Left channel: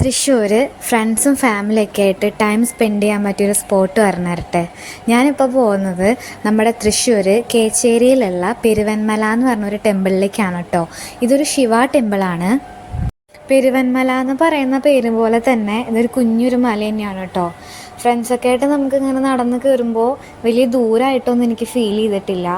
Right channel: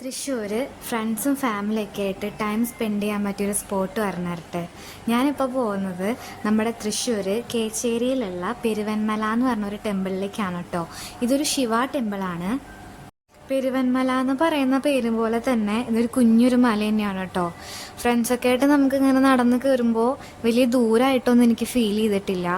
തൃശ്ശൂർ ഫ്രണ്ട്സും ഫാമിലിയൊക്കെ ആയിട്ട് ടൈം സ്പെൻഡ് ചെയ്യാൻ പറ്റിയൊരു സ്പോട്ട് പറഞ്ഞു തരട്ടെ. ഞാനിപ്പോൾ പോകുന്നത് നമ്മുടെ തൃശ്ശൂർ കേച്ചേരിയിലുള്ള പെരുവന്മല എന്ന് പറഞ്ഞൊരു ടെമ്പിളിലേക്കാണ് കേട്ടോ. ഇതൊരു ശിവ ടെമ്പിളാണ്. പെരുവന്മല എന്ന് പറയുന്ന പേര് പോലെ തന്നെ ഇതൊരു കുഞ്ഞൊരു മല തന്നെയാണ് കേട്ടോ. ഫ്രണ്ട്സൊക്കെ ആയിട്ട് നമുക്കിങ്ങനെ നടന്ന് കയറുമ്പോൾ വലിയ ദൂരമായിട്ടൊന്നും എനിക്ക് ഫീൽ ചെയ്തിട്ടില്ല.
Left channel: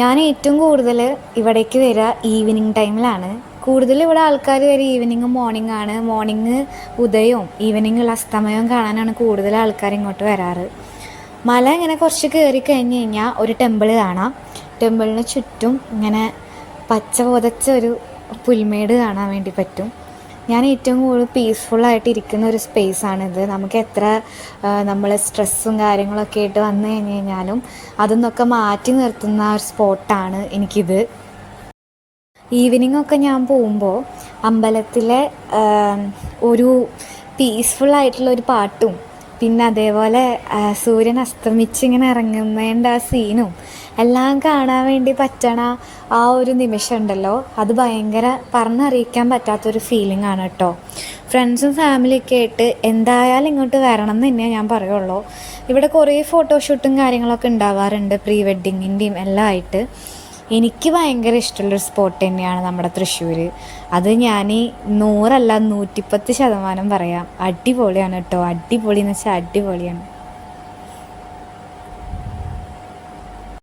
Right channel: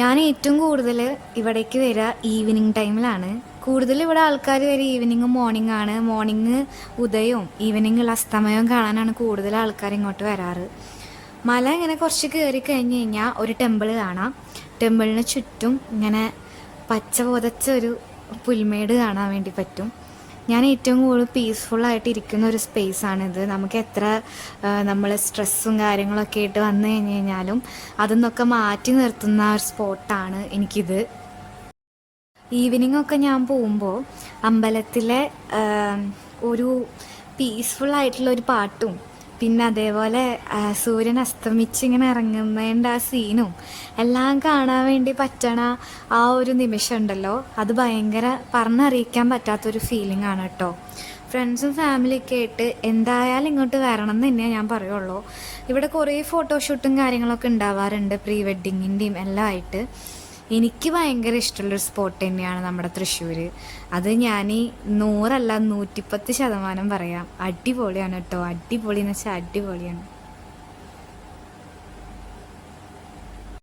ഞാൻ ഏറ്റവും കൂടുതൽ ഇവിടേക്ക് വരിക ഈവനിങ് ടൈമിലാണ്. കൂടുതൽ ഇവിടെ ആൾക്കാർ വരെ ഈവനിങ്ങും മോർണിംഗ് ആണ്. മോർണിംഗ് ഉദയവും ഈവനിങ്ങുള്ള അസ്തമയവും കാണാനാണ് കൂടുതൽ ആൾക്കാർ ഇങ്ങോട്ട് വരാറ്. മല ഇങ്ങനെ കുറച്ച് കയറി കഴിഞ്ഞ് കഴിഞ്ഞാൽ ഒരു ടെമ്പിൾ കാണാം. ടെമ്പിളിന് ചുറ്റും ഇങ്ങനെ പച്ച പുതച്ച ഒരു പുൽമേട് കാണാൻ വേണ്ടി പറ്റും. ഞാൻ ഏറ്റവും കൂടുതൽ പീസ്ഫുള്ളായിട്ട് ഇരിക്കുന്ന ഒരു സ്പേസാണിത്. നമുക്ക് എത്ര നമ്മൾ സ്ട്രെസ്സും കാര്യങ്ങളൊക്കെ ആയിട്ട് വന്നു കഴിഞ്ഞ് കഴിഞ്ഞാലും അതിന്നൊക്കെ മാറ്റി നിർത്തുന്ന ഒരു സ്പോട്ടാണ് എനിക്കിത്. ഈവനിങ്ങൊക്കെ ഞാൻ പോകുമ്പോൾ അമ്പലത്തിലെ ഒരു പീസ്ഫുള്ളായിട്ടുള്ള ഒരു പാട്ടും പിന്നെ അതേപോലെ സൂര്യൻ അസ്തമിച്ച് ഇങ്ങനെ ഇറങ്ങുന്നതിൻ്റെ ആ സീനും എല്ലാം കാണാൻ വേണ്ടി പറ്റണ ആ ഒരു നിമിഷം ഉണ്ടല്ലോ, അത് ഭയങ്കര പറഞ്ഞറിയിക്കാൻ പറ്റാത്തൊരു ഫീലിംഗ് ആണ് കേട്ടോ. ഫ്രണ്ട്സും ഫാമിലിയൊക്കെ ആയിട്ട് എന്തായാലും ഇങ്ങോട്ട് വരണം എന്ന് തന്നെ ഞാൻ പറയുള്ളൂ. ഇവിടെ കുറേ ഫോട്ടോഷൂട്ടും കാര്യങ്ങളൊക്കെ ഉണ്ടാവാറുണ്ട്, പ്രീ വെഡ്ഡിങ്ങിൻ്റെയും എല്ലാം ആയിട്ട്. എനിക്ക് ഭയങ്കര ഇഷ്ടമുള്ളൊരു സ്പോട്ട് തന്നെയാണ് നമ്മുടെ തൃശ്ശൂർ. അത് ഞാൻ 100 അല്ല 110% പറയാം. അടിപൊളിയാണ് കേട്ടോ. അടിപൊളി എന്ന് വെച്ചാൽ അടിപൊളിയാണ്.